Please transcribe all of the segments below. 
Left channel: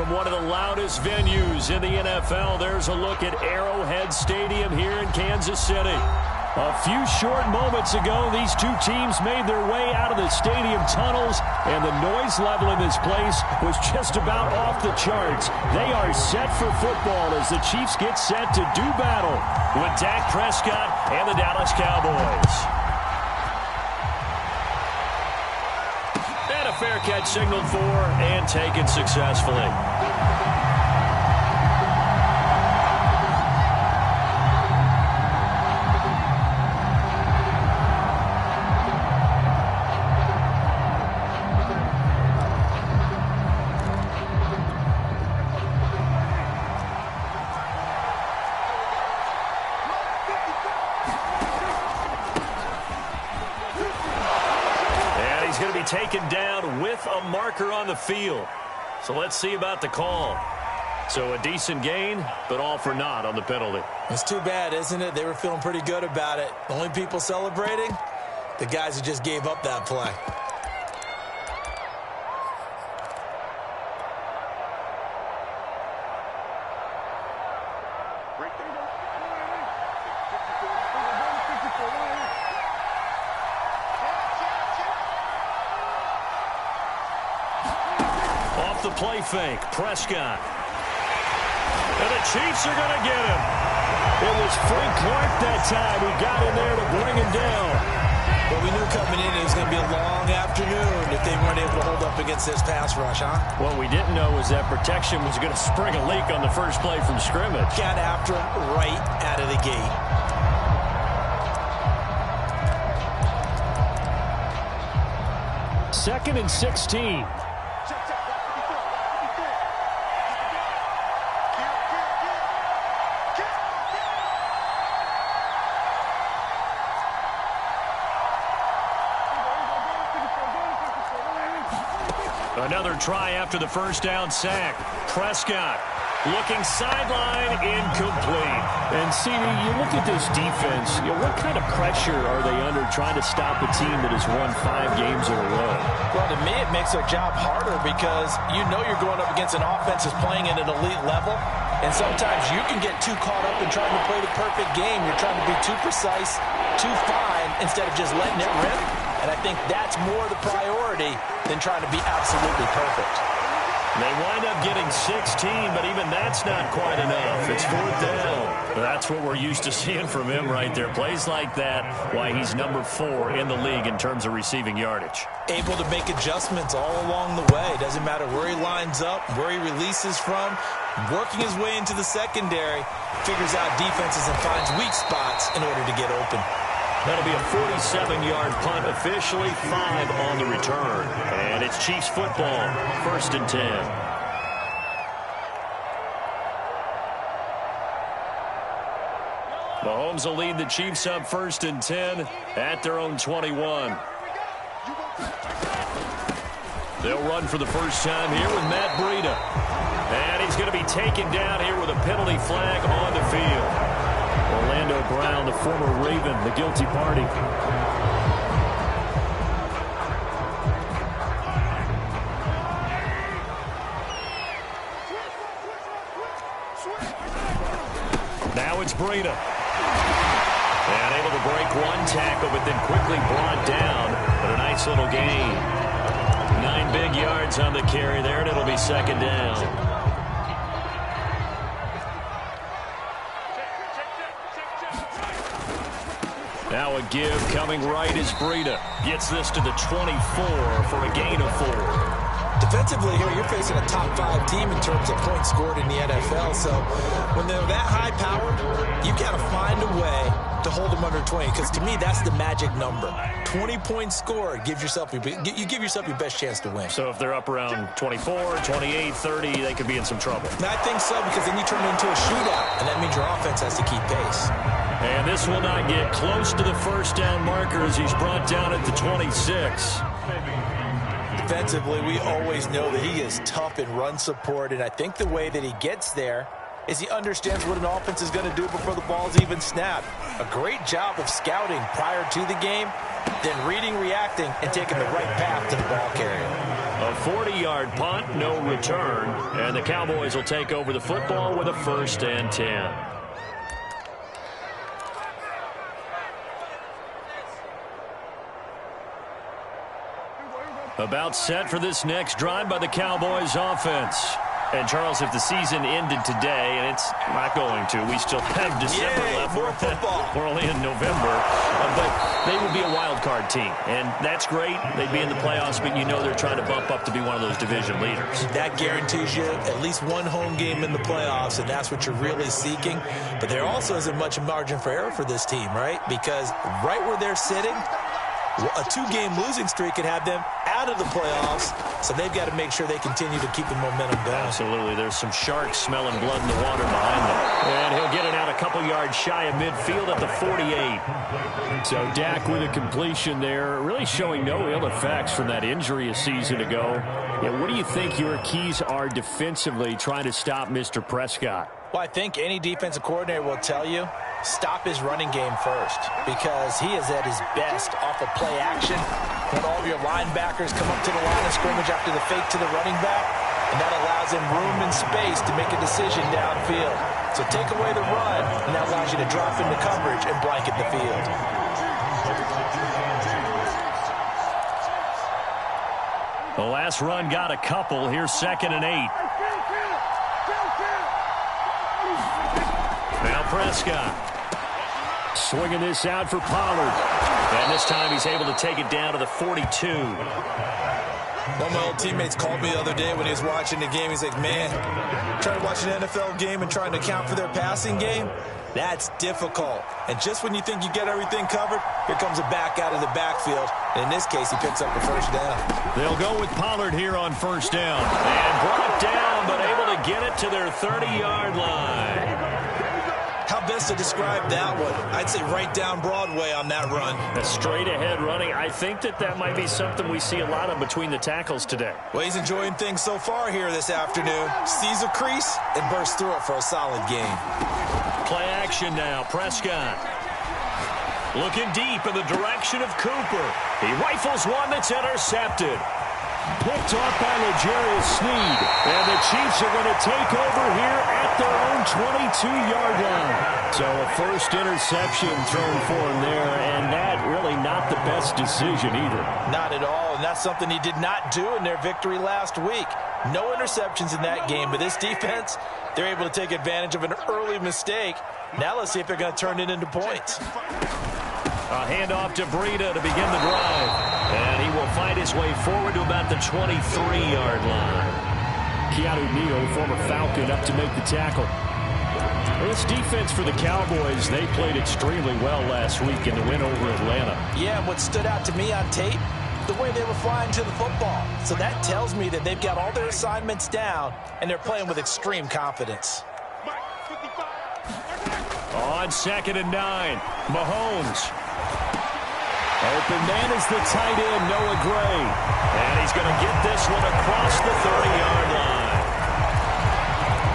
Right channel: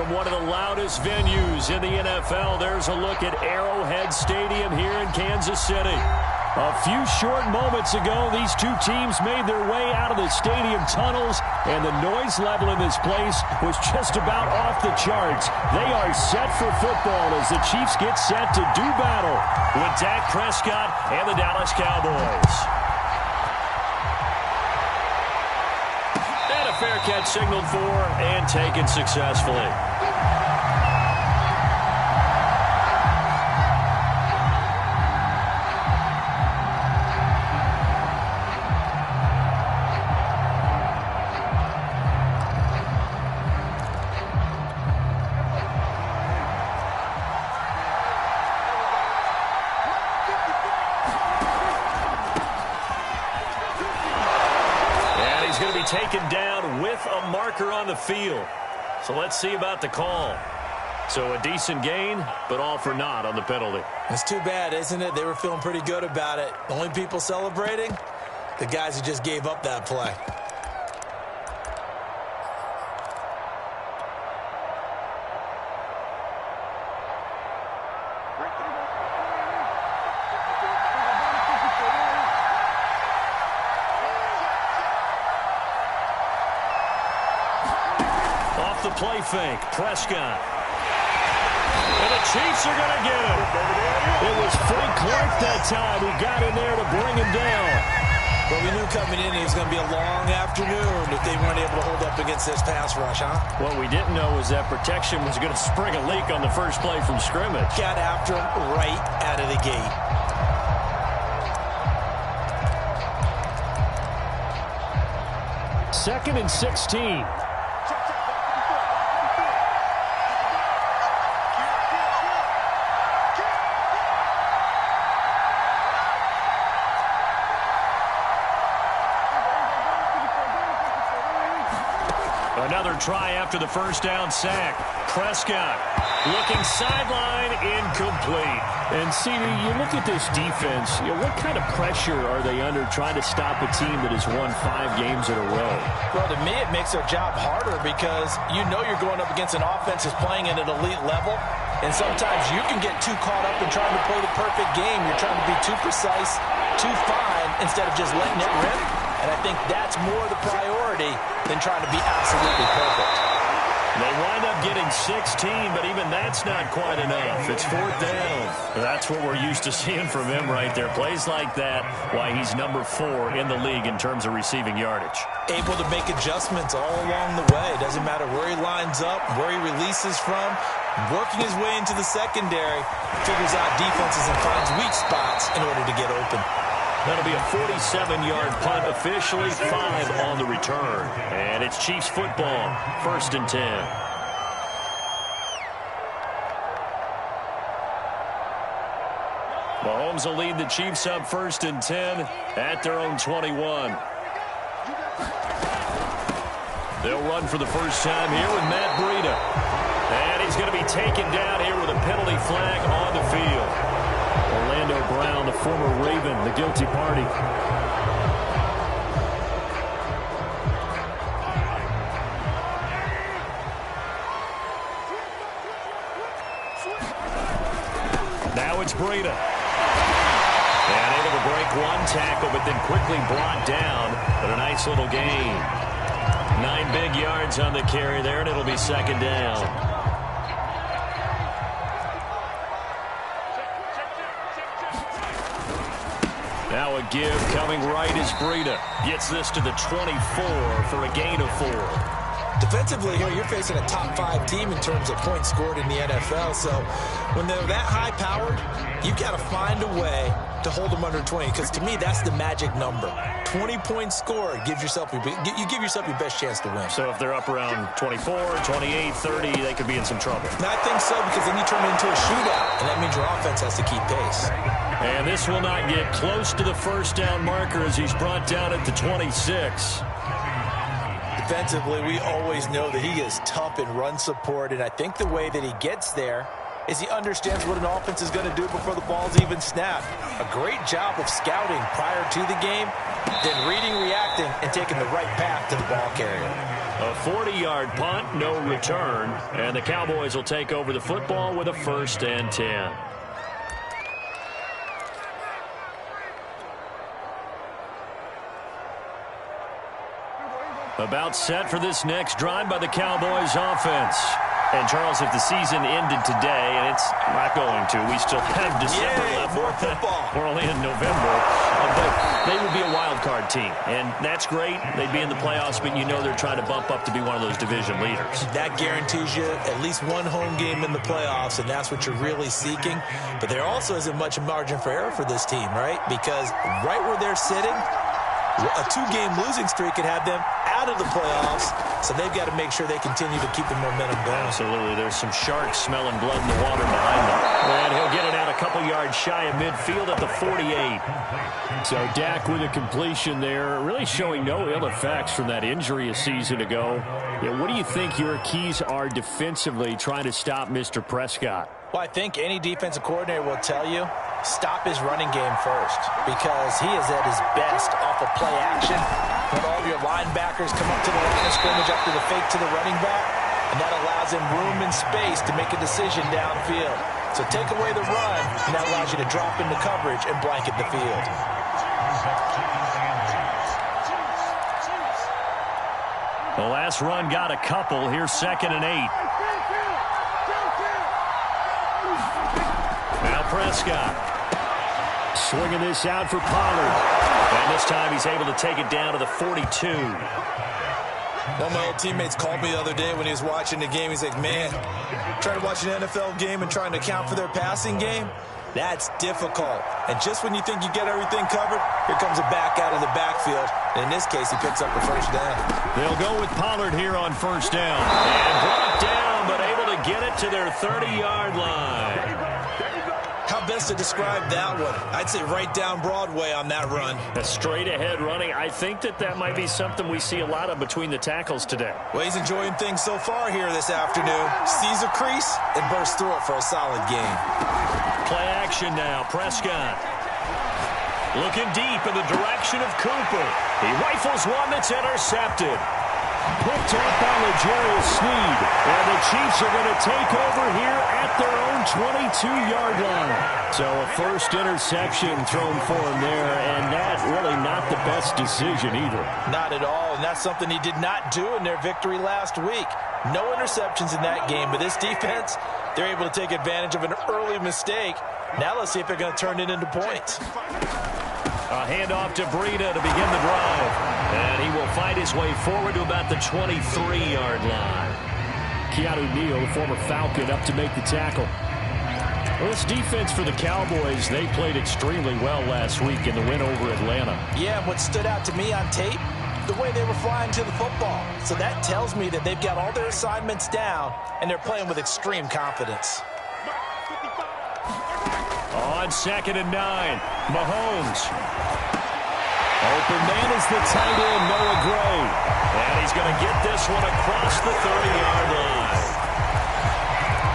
from one of the loudest venues in the NFL. There's a look at Arrowhead Stadium here in Kansas City. A few short moments ago, these two teams made their way out of the stadium tunnels, and the noise level in this place was just about off the charts. They are set for football as the Chiefs get set to do battle with Dak Prescott and the Dallas Cowboys. And a fair catch signaled for and taken successfully. Taken down with a marker on the field. So let's see about the call. So a decent gain, but all for naught on the penalty. It's too bad, isn't it? They were feeling pretty good about it. The only people celebrating, the guys who just gave up that play. Off the play fake, Prescott. And the Chiefs are going to get him. It was Frank Clark that time who got in there to bring him down. But we knew coming in it was going to be a long afternoon if they weren't able to hold up against this pass rush, huh? What we didn't know was that protection was going to spring a leak on the first play from scrimmage. Got after him right out of the gate. Second and 16. Another try after the first down sack. Prescott looking sideline, incomplete. And CD, you look at this defense, what kind of pressure are they under trying to stop a team that has won 5 games in a row? Well, to me, it makes their job harder because you know you're going up against an offense that's playing at an elite level. And sometimes you can get too caught up in trying to play the perfect game. You're trying to be too precise, too fine, instead of just letting it rip. And I think that's more the priority than trying to be absolutely perfect. They wind up getting 16, but even that's not quite enough. It's 4th down. That's what we're used to seeing from him right there. Plays like that, why he's number 4 in the league in terms of receiving yardage. Able to make adjustments all along the way. Doesn't matter where he lines up, where he releases from. Working his way into the secondary, figures out defenses and finds weak spots in order to get open. That'll be a 47-yard punt, officially 5 on the return. And it's Chiefs football, 1st and 10. Mahomes will lead the Chiefs up 1st and 10 at their own 21. They'll run for the first time here with Matt Breida. And he's going to be taken down here with a penalty flag on the field. Orlando Brown, the former Raven, the guilty party. Now it's Breida. And able to break one tackle, but then quickly brought down. But a nice little gain. 9 big yards on the carry there, and it'll be 2nd down. Now a give coming right as Breida gets this to the 24 for a gain of 4. Defensively here, you're facing a top 5 team in terms of points scored in the NFL. So when they're that high-powered, you've got to find a way to hold them under 20. Because to me, that's the magic number. 20 points scored, you give yourself your best chance to win. So if they're up around 24, 28, 30, they could be in some trouble. And I think so, because then you turn it into a shootout, and that means your offense has to keep pace. And this will not get close to the first down marker as he's brought down at the 26. Defensively, we always know that he is tough in run support, and I think the way that he gets there is he understands what an offense is going to do before the ball's even snapped. A great job of scouting prior to the game, then reading, reacting, and taking the right path to the ball carrier. A 40-yard punt, no return, and the Cowboys will take over the football with a 1st and 10. About set for this next drive by the Cowboys offense. And, Charles, if the season ended today, and it's not going to, we still have December left. More football. We're only in November. But they would be a wild card team. And that's great. They'd be in the playoffs, but you know they're trying to bump up to be one of those division leaders. That guarantees you at least one home game in the playoffs, and that's what you're really seeking. But there also isn't much margin for error for this team, right? Because right where they're sitting, a 2-game losing streak could have them out of the playoffs, so they've got to make sure they continue to keep the momentum going. Absolutely. There's some sharks smelling blood in the water behind them. And he'll get it out a couple yards shy of midfield at the 48. So Dak with a completion there, really showing no ill effects from that injury a season ago. Yeah, what do you think your keys are defensively trying to stop Mr. Prescott? Well, I think any defensive coordinator will tell you, stop his running game first, because he is at his best off of play action when all of your linebackers come up to the line of scrimmage after the fake to the running back, and that allows him room and space to make a decision downfield. So take away the run, and that allows you to drop into coverage and blanket the field. The last run got a couple. Here's 2nd and 8. Now Prescott swinging this out for Pollard. And this time he's able to take it down to the 42. One of my old teammates called me the other day when he was watching the game. He's like, man, trying to watch an NFL game and trying to account for their passing game, that's difficult. And just when you think you get everything covered, here comes a back out of the backfield. And in this case, he picks up the 1st down. They'll go with Pollard here on 1st down. And brought down, but able to get it to their 30-yard line. How best to describe that one? I'd say right down Broadway on that run. A straight-ahead running. I think that might be something we see a lot of between the tackles today. Well, he's enjoying things so far here this afternoon. Sees a crease and bursts through it for a solid gain. Play action now. Prescott looking deep in the direction of Cooper. He rifles one that's intercepted. Picked off by L'Jarius Sneed. And the Chiefs are going to take over here at their own 22-yard line. So a first interception thrown for him there, and that really not the best decision either. Not at all, and that's something he did not do in their victory last week. No interceptions in that game, but this defense, they're able to take advantage of an early mistake. Now let's see if they're going to turn it into points. A handoff to Breida to begin the drive. And he will fight his way forward to about the 23-yard line. Keanu Neal, former Falcon, up to make the tackle. Well, this defense for the Cowboys, they played extremely well last week in the win over Atlanta. Yeah, and what stood out to me on tape, the way they were flying to the football. So that tells me that they've got all their assignments down, and they're playing with extreme confidence. On 2nd and 9, Mahomes. Open man is the tight end, Noah Gray. And he's going to get this one across the 30-yard line.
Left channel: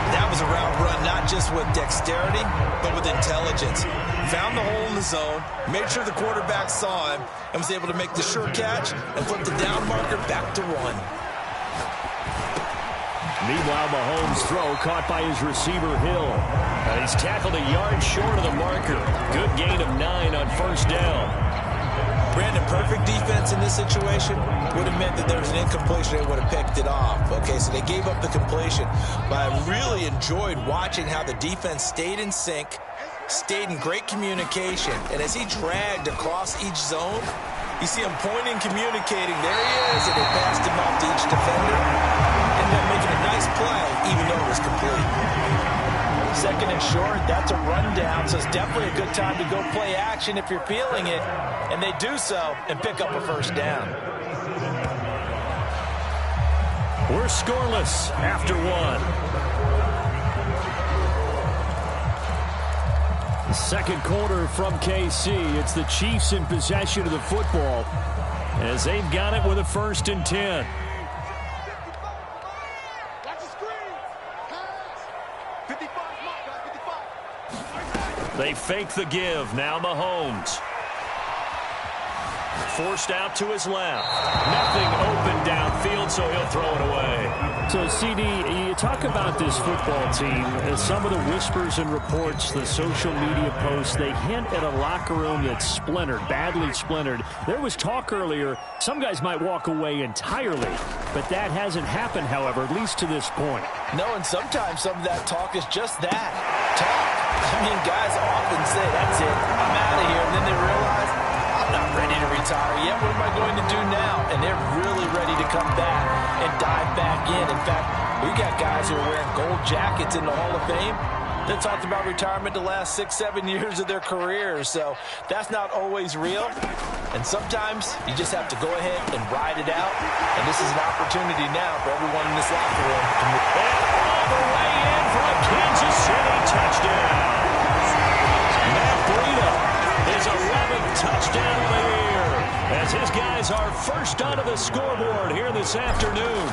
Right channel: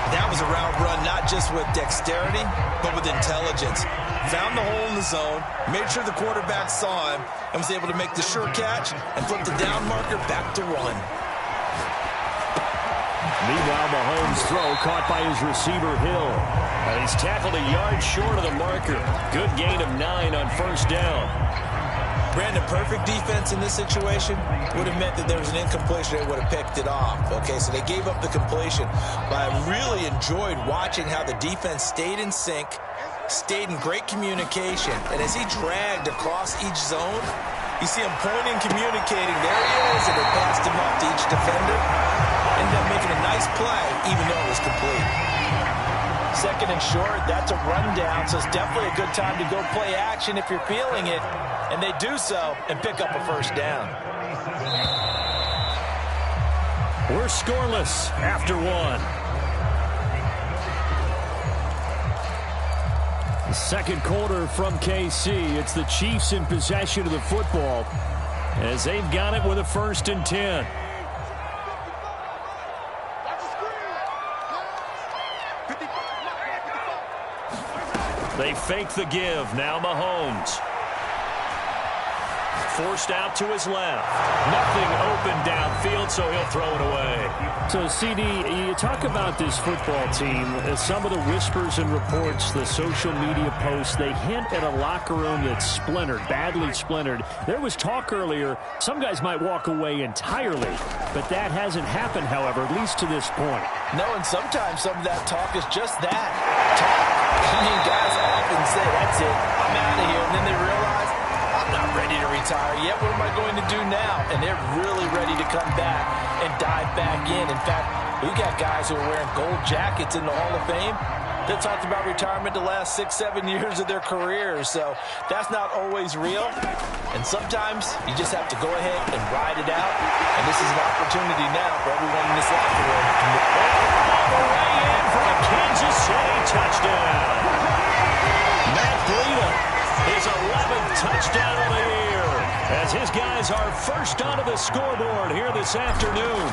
That was a route run not just with dexterity, but with intelligence. Found the hole in the zone, made sure the quarterback saw him, and was able to make the sure catch and flip the down marker back to 1. Meanwhile, Mahomes' throw caught by his receiver, Hill. And he's tackled a yard short of the marker. Good gain of 9 on 1st down. Brandon, perfect defense in this situation would have meant that there was an incompletion. They would have picked it off. Okay, so they gave up the completion. But I really enjoyed watching how the defense stayed in sync, stayed in great communication. And as he dragged across each zone, you see him pointing, communicating. There he is, and they passed him off to each defender. Ended up making a nice play, even though it was complete. 2nd and short, that's a rundown, so it's definitely a good time to go play action if you're feeling it. And they do so and pick up a 1st down. We're scoreless after 1. The 2nd quarter from KC. It's the Chiefs in possession of the football as they've got it with a 1st and 10. They fake the give. Now Mahomes. forced out to his left. Nothing open downfield, so he'll throw it away. So, CD, you talk about this football team. Some of the whispers and reports, the social media posts, they hint at a locker room that's splintered, badly splintered. There was talk earlier, some guys might walk away entirely, but that hasn't happened, however, at least to this point. No, and sometimes some of that talk is just that, talk. I mean, guys often say, that's it, I'm out of here, and then they realize, I'm not ready to retire yet. What am I going to do now? And they're really ready to come back and dive back in. In fact, we got guys who are wearing gold jackets in the Hall of Fame that talked about retirement the last 6-7 years of their careers. So that's not always real. And sometimes you just have to go ahead and ride it out. And this is an opportunity now for everyone in this locker room to move. And all the way in for a Kansas City touchdown. Matt Breida, his 11th touchdown of the year, as his guys are first onto the scoreboard here this afternoon.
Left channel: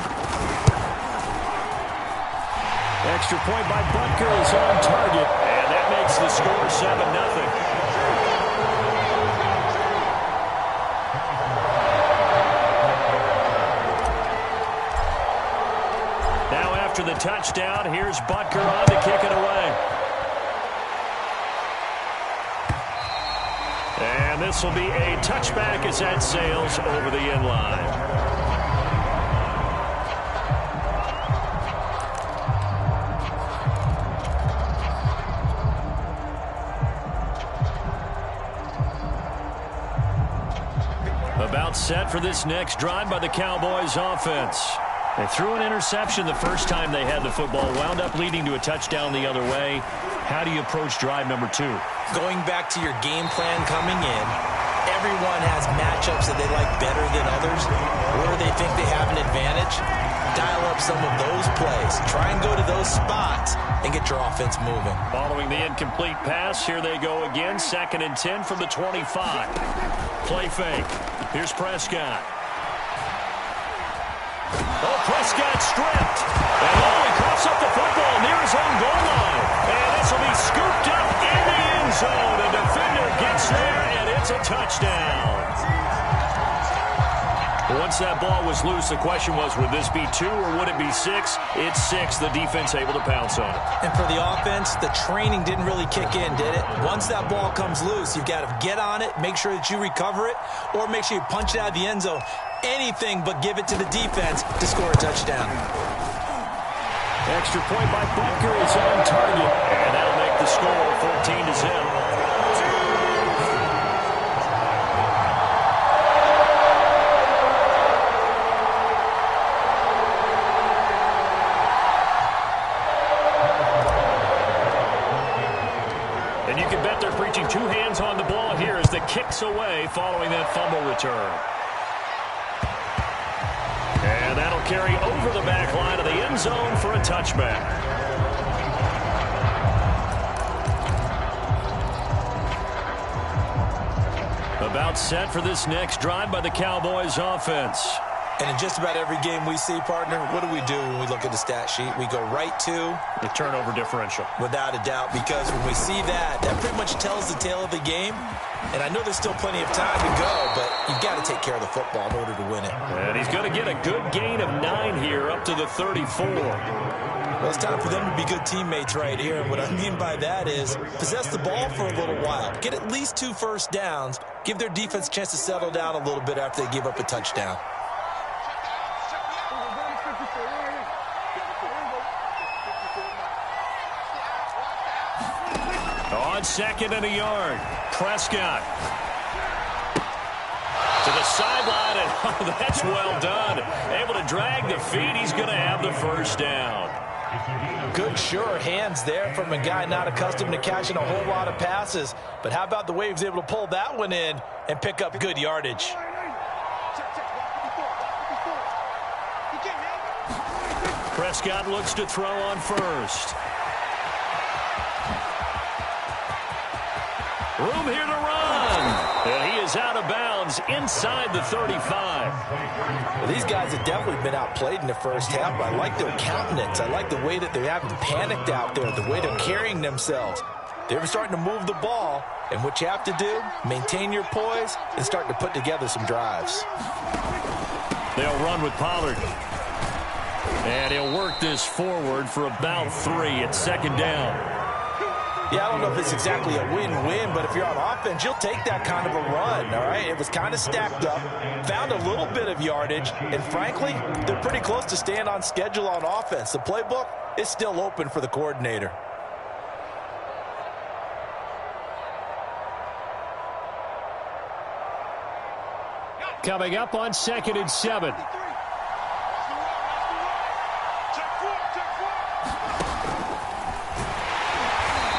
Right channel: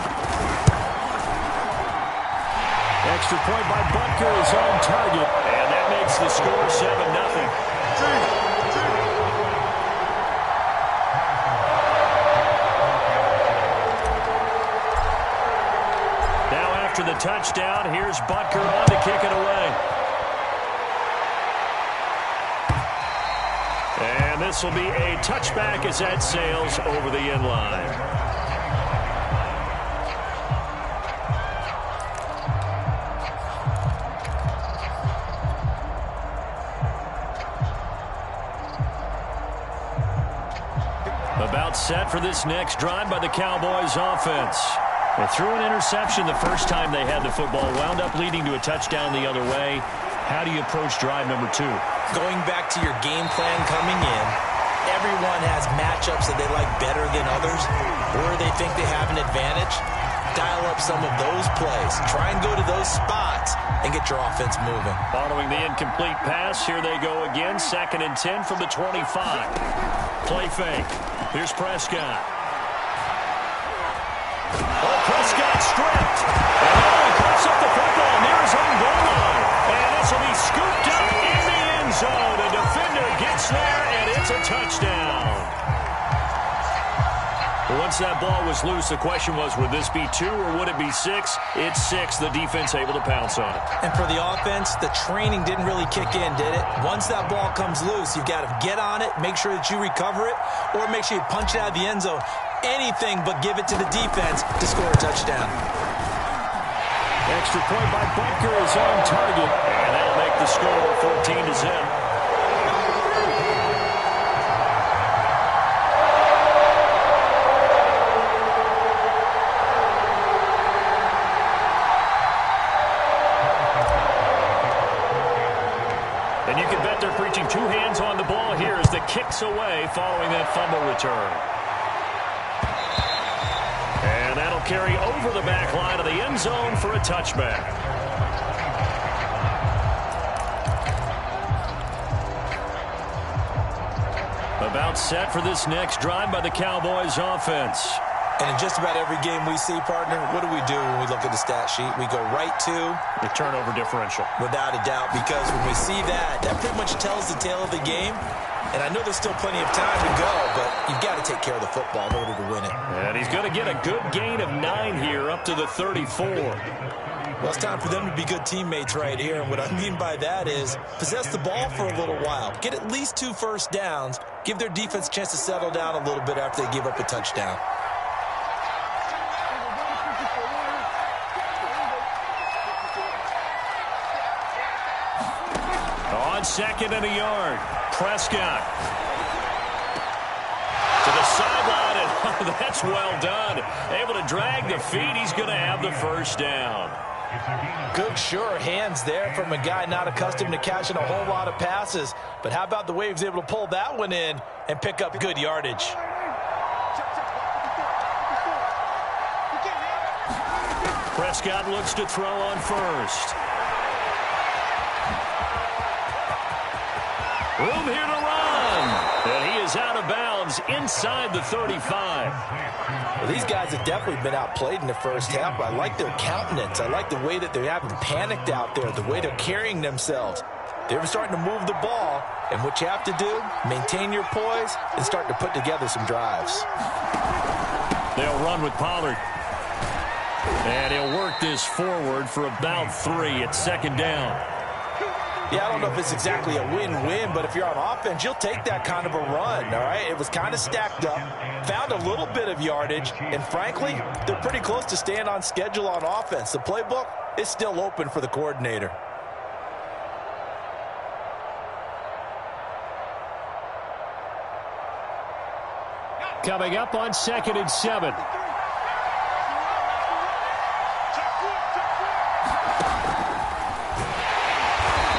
Extra point by Butker is on target, and that makes the score 7-0. Now after the touchdown, here's Butker on to kick it away. And this will be a touchback as that sails over the end line. About set for this next drive by the Cowboys offense. They threw an interception the first time they had the football, wound up leading to a touchdown the other way. How do you approach drive number 2? Going back to your game plan coming in, everyone has matchups that they like better than others, or they think they have an advantage. Dial up some of those plays. Try and go to those spots and get your offense moving. Following the incomplete pass, here they go again. 2nd and 10 from the 25. Play fake. Here's Prescott. Oh, Prescott stripped. And he coughs up the football near his own goal line. And this will be scooped up in the end zone. A defender gets there, and it's a touchdown. Once that ball was loose, the question was, would this be 2 or would it be 6? It's 6. The defense able to pounce on it. And for the offense, the training didn't really kick in, did it? Once that ball comes loose, you've got to get on it, make sure that you recover it, or make sure you punch it out of the end zone. Anything but give it to the defense to score a touchdown. Extra point by Butker is on target, and that'll make the score 14-0. And you can bet they're preaching 2 hands on the ball here as the kick's away following that fumble return. And that'll carry over the back line of the end zone for a touchback. About set for this next drive by the Cowboys offense. And in just about every game we see, partner, what do we do when we look at the stat sheet? We go right to the turnover differential. Without a doubt, because when we see that, that pretty much tells the tale of the game. And I know there's still plenty of time to go, but you've got to take care of the football in order to win it. And he's going to get a good gain of 9 here up to the 34. Well, it's time for them to be good teammates right here. And what I mean by that is possess the ball for a little while. Get at least 2 first downs. Give their defense a chance to settle down a little bit after they give up a touchdown. On 2nd and a yard, Prescott to the sideline, and oh, that's well done. Able to drag the feet. He's going to have the first down. Good, sure hands there from a guy not accustomed to catching a whole lot of passes. But how about the way he was able to pull that one in and pick up good yardage? Prescott looks to throw on first. Room here to run. And he is out of bounds inside the 35. Well, these guys have definitely been outplayed in the first half. I like their countenance. I like the way that they haven't panicked out there, the way they're carrying themselves. They're starting to move the ball, and what you have to do, maintain your poise and start to put together some drives. They'll run with Pollard. And he'll work this forward for about 3. It's second down. Yeah, I don't know if it's exactly a win-win, but if you're on offense, you'll take that kind of a run, all right? It was kind of stacked up, found a little bit of yardage, and frankly, they're pretty close to staying on schedule on offense. The playbook is still open for the coordinator. Coming up on 2nd and 7.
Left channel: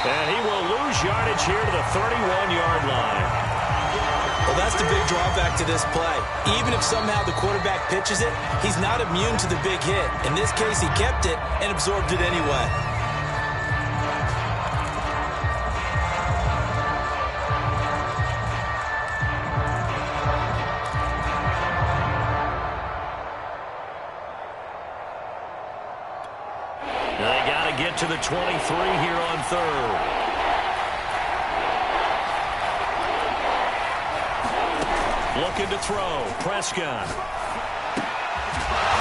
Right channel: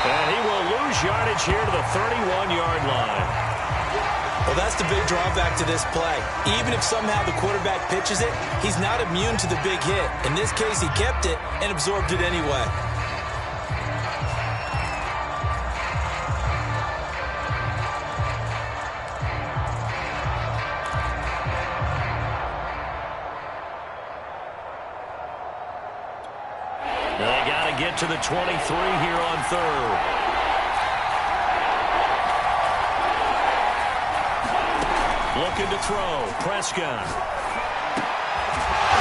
And he will lose yardage here to the 31-yard line. Well, that's the big drawback to this play. Even if somehow the quarterback pitches it, he's not immune to the big hit. In this case, he kept it and absorbed it anyway. They got to get to the 23 here on 3rd. Looking to throw. Prescott.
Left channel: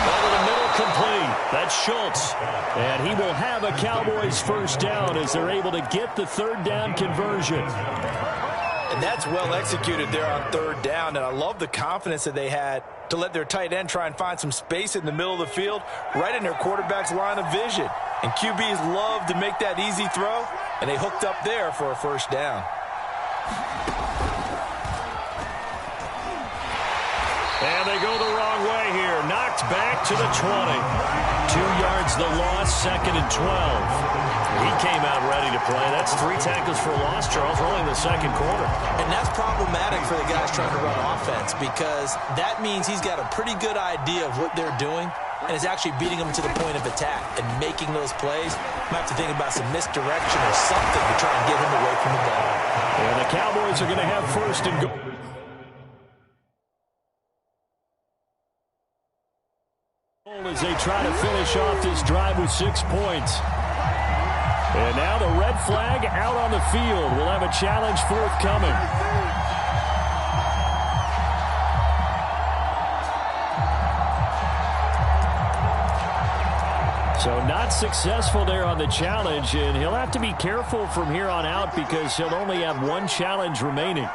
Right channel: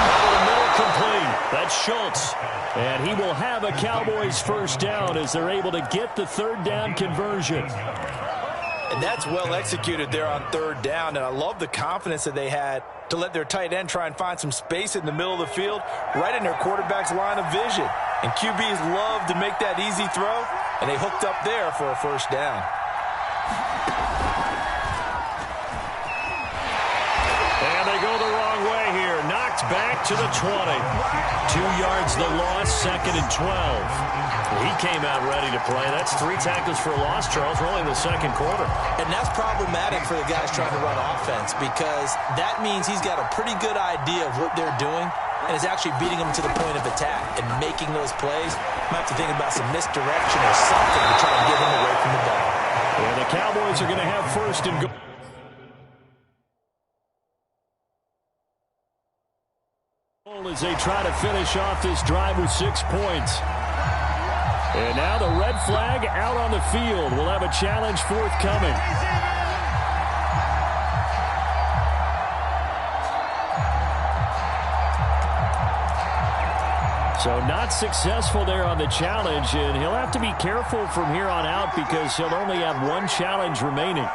Over the middle, complete. That's Schultz. And he will have a Cowboys first down as they're able to get the 3rd down conversion. And that's well executed there on 3rd down. And I love the confidence that they had to let their tight end try and find some space in the middle of the field, right in their quarterback's line of vision. And QBs love to make that easy throw, and they hooked up there for a first down. And they go the wrong way here. Knocked back to the 20. 2 yards the loss, 2nd and 12. He came out ready to play. That's 3 tackles for a loss, Charles. We're only in the 2nd quarter. And that's problematic for the guys trying to run offense because that means he's got a pretty good idea of what they're doing and is actually beating them to the point of attack and making those plays. Might have to think about some misdirection or something to try and get him away from the ball. And the Cowboys are going to have 1st and goal. As they try to finish off this drive with 6 points. And now the red flag out on the field. We'll have a challenge forthcoming. So not successful there on the challenge, and he'll have to be careful from here on out because he'll only have 1 challenge remaining.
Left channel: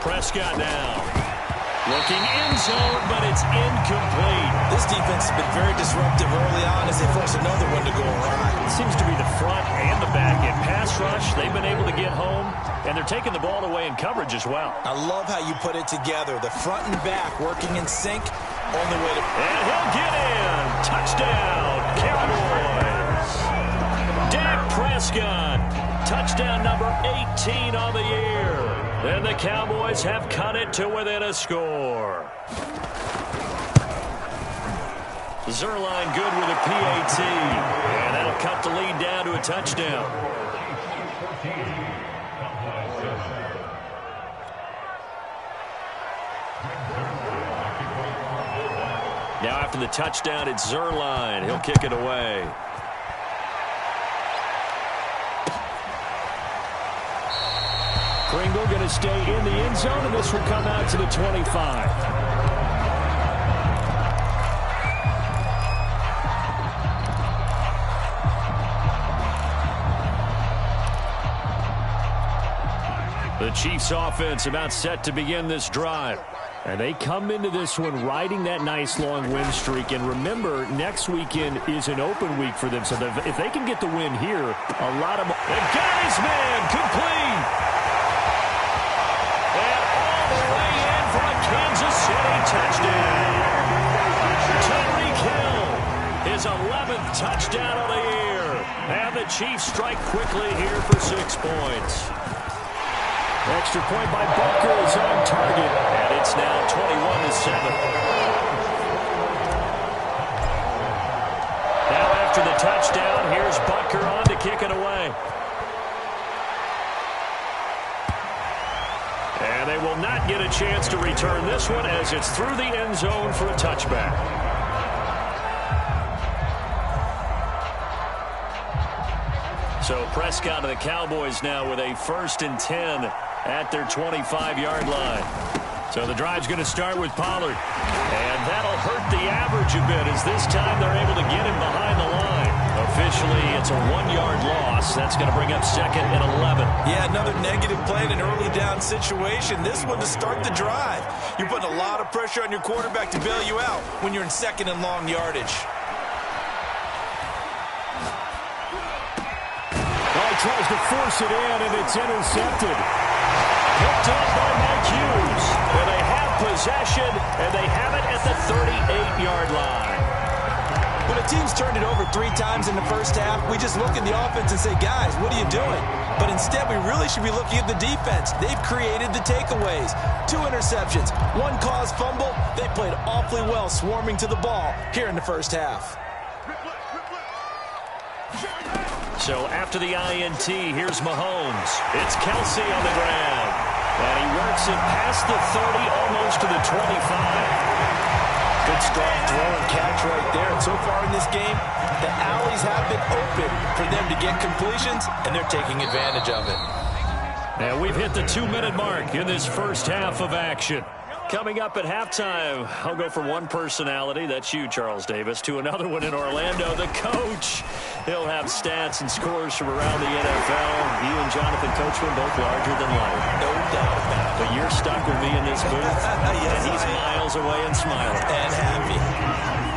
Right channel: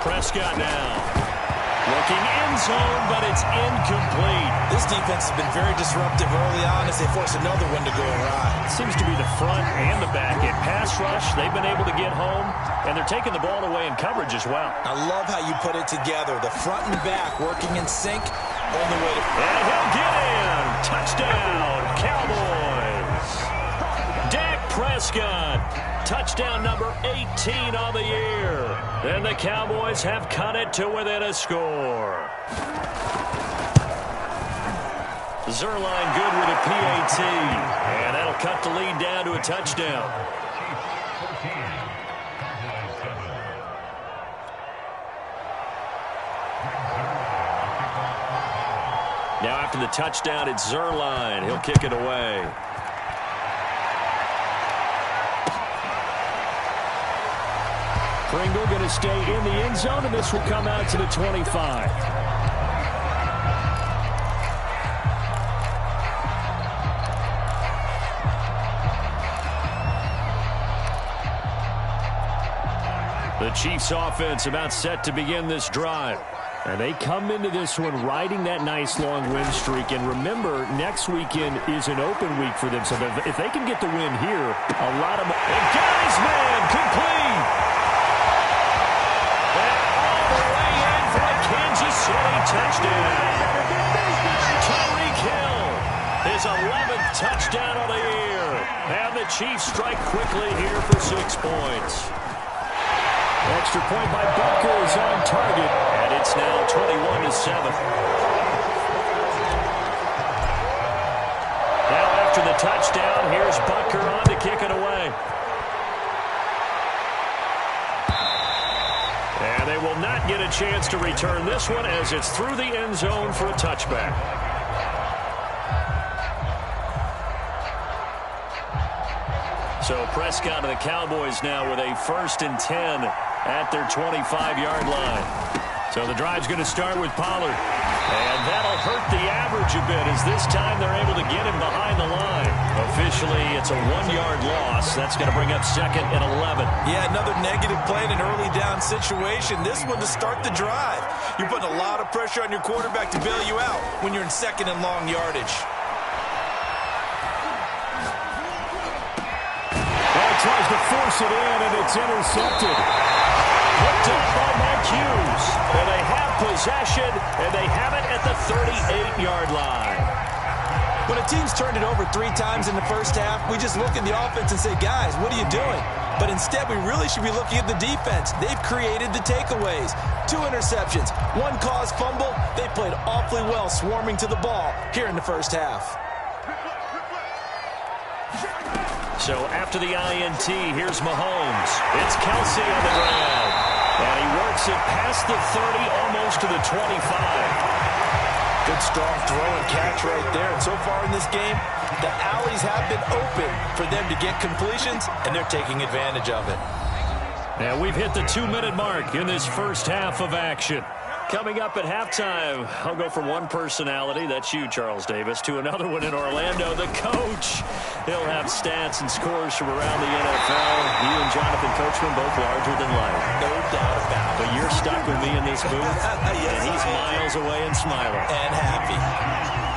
Prescott now. Looking end zone, but it's incomplete. This defense has been very disruptive early on as they force another one to go awry. Seems to be the front and the back end. Pass rush, they've been able to get home, and they're taking the ball away in coverage as well. I love how you put it together. The front and back working in sync. Only way to... And he'll get in. Touchdown, Cowboys. Dak Prescott. Touchdown number 18 on the year. And the Cowboys have cut it to within a score. Zerline good with a PAT. And that'll cut the lead down to a touchdown. Now after the touchdown, it's Zerline. He'll kick it away. Pringle going to stay in the end zone, and this will come out to the 25. The Chiefs offense about set to begin this drive. And they come into this one riding that nice long win streak. And remember, next weekend is an open week for them. So if they can get the win here, a lot of... And got his man complete. And all the way in for a Kansas City touchdown. Tyreek Hill, his 11th touchdown of the year. And the Chiefs strike quickly here for 6 points. Extra point by Butker is on target. And it's now 21-7. Now after the touchdown, here's Butker on to kick it away. And they will not get a chance to return this one as it's through the end zone for a touchback. So Prescott and the Cowboys now with a 1st and 10 at their 25-yard line. So the drive's going to start with Pollard. And that'll hurt the average a bit as this time they're able to get him behind the line. Officially, it's a 1-yard loss. That's going to bring up 2nd and 11. Yeah, another negative play in an early down situation. This one to start the drive. You're putting a lot of pressure on your quarterback to bail you out when you're in 2nd and long yardage. Oh, tries to force it in, and it's intercepted. Picked up by Mike Hughes. And they have possession, and they have it at the 38-yard line. When a team's turned it over 3 times in the first half, we just look at the offense and say, guys, what are you doing? But instead, we really should be looking at the defense. They've created the takeaways. 2 interceptions, 1 caused fumble. They played awfully well swarming to the ball here in the first half. So after the INT, here's Mahomes. It's Kelsey on the ground. And he works it past the 30, almost to the 25. Good strong throw and catch right there. And so far in this game, the alleys have been open for them to get completions, and they're taking advantage of it. And we've hit the 2-minute mark in this first half of action. Coming up at halftime, I'll go from one personality, that's you, Charles Davis, to another one in Orlando, the coach. He'll have stats and scores from around the NFL. You and Jonathan Coachman, both larger than life. No doubt about it. But you're stuck with me in this booth, yes, and he's miles away and smiling. And happy.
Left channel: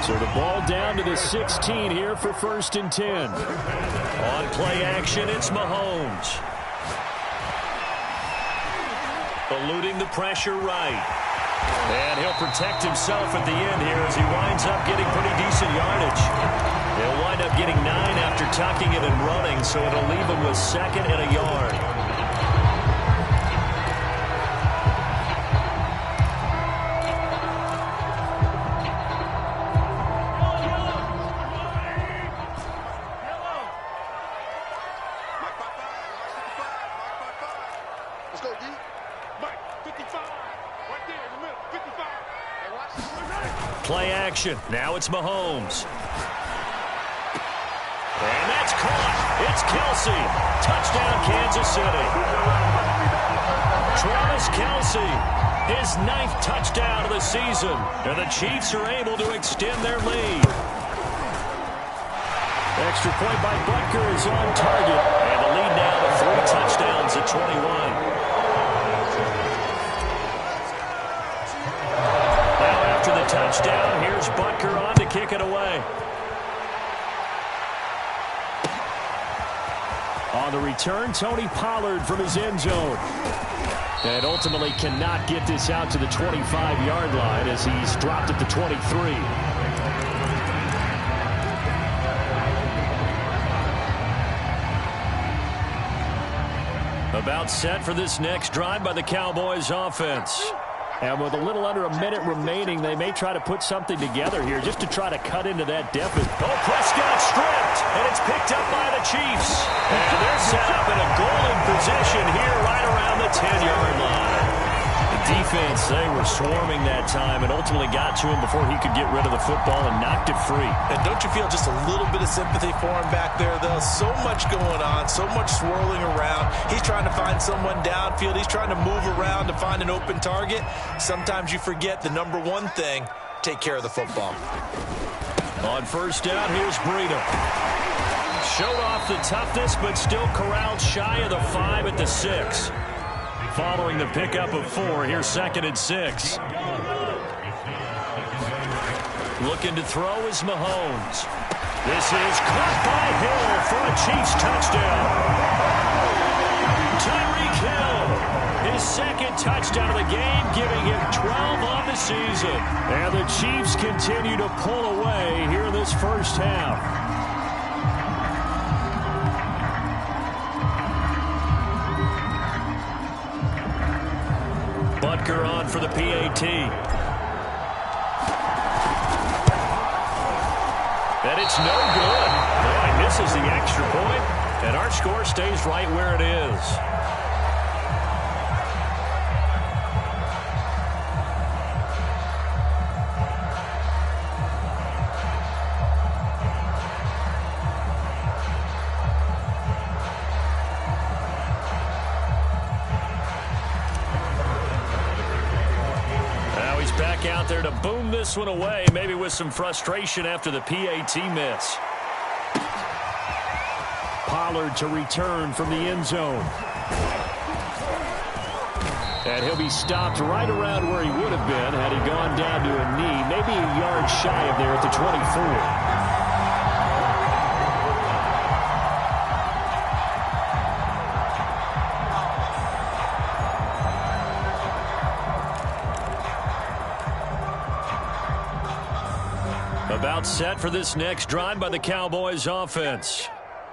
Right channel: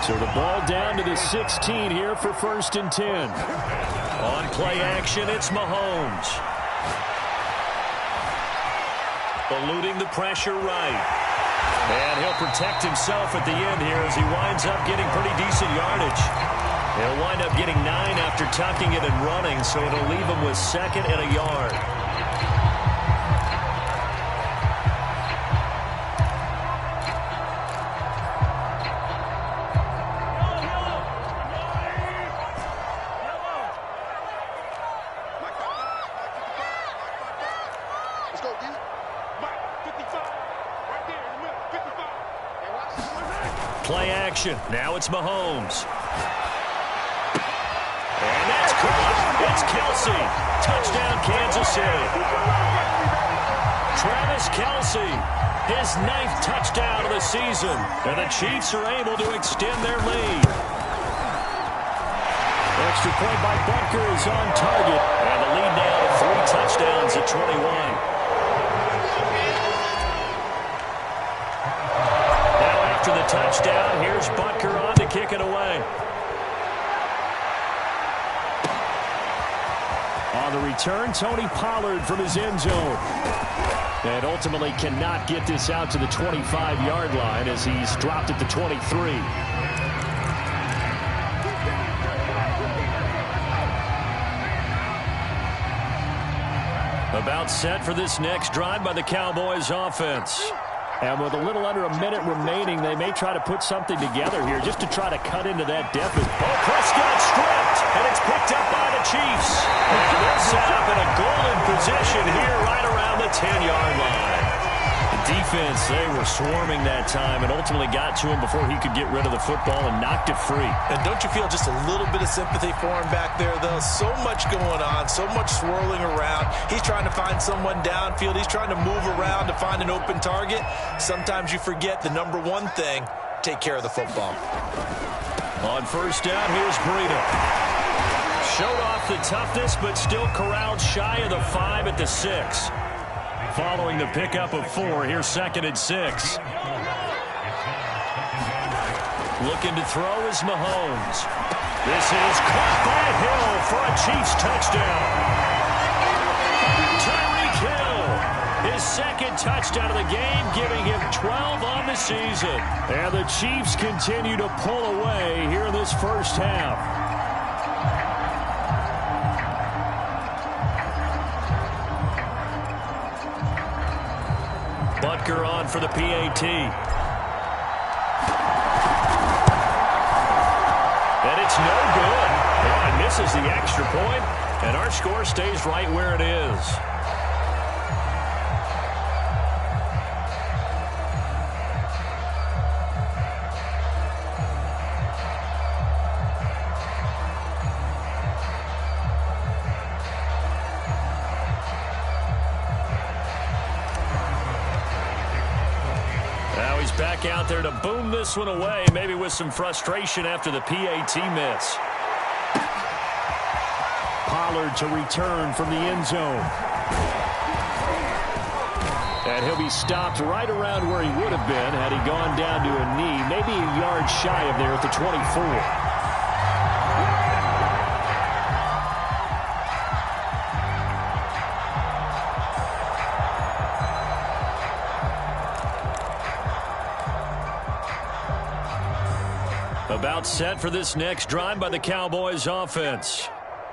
So the ball down to the 16 here for 1st and 10. On play action, it's Mahomes. Eluding the pressure right. And he'll protect himself at the end here as he winds up getting pretty decent yardage. He'll wind up getting 9 after tucking it and running, so it'll leave him with 2nd and a yard. Let's go, D. Mike, 55. Right there in the middle. 55. Hey, watch this. Play action. Now it's Mahomes. And that's caught. It's Kelsey. Touchdown, Kansas City. Travis Kelsey, his 9th touchdown of the season. And the Chiefs are able to extend their lead. Extra point by Butker is on target. And the lead now to 3 touchdowns at 21. Now after the touchdown, here's Butker on to kick it away. On the return, Tony Pollard from his end zone. And ultimately cannot get this out to the 25-yard line as he's dropped at the 23. About set for this next drive by the Cowboys offense. And with a little under a minute remaining, they may try to put something together here just to try to cut into that deficit. Oh, Prescott stripped, and it's picked up by the Chiefs. And they're set up in a golden position here right around the 10-yard line. The defense, they were swarming that time and ultimately got to him before he could get rid of the football and knocked it free. And don't you feel just a little bit of sympathy for him back there, though? So much going on, so much swirling around. He's trying to find someone downfield. He's trying to move around to find an open target. Sometimes you forget the number one thing, take care of the football. On first down, here's Breida. Showed off the toughness, but still corralled shy of the 5 at the 6. Following the pickup of 4, here's 2nd and 6. Looking to throw is Mahomes. This is caught by Hill for a Chiefs touchdown. Tyreek Hill, his 2nd touchdown of the game, giving him 12 on the season. And the Chiefs continue to pull away here in this first half. Butker on for the PAT. And it's no good. Oh, he misses the extra point, and our score stays right where it is. he's back out there to boom this one away, maybe with some frustration after the PAT miss. Pollard to return from the end zone. And he'll be stopped right around where he would have been had he gone down to a knee, maybe a yard shy of there at the 24. About set for this next drive by the Cowboys offense.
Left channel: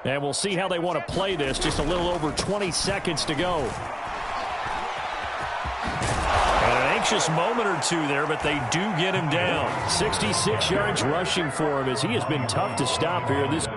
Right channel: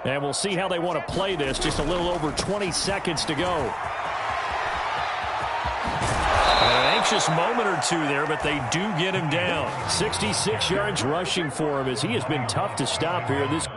And we'll see how they want to play this. Just a little over 20 seconds to go. And an anxious moment or two there, but they do get him down. 66 yards rushing for him as he has been tough to stop here in this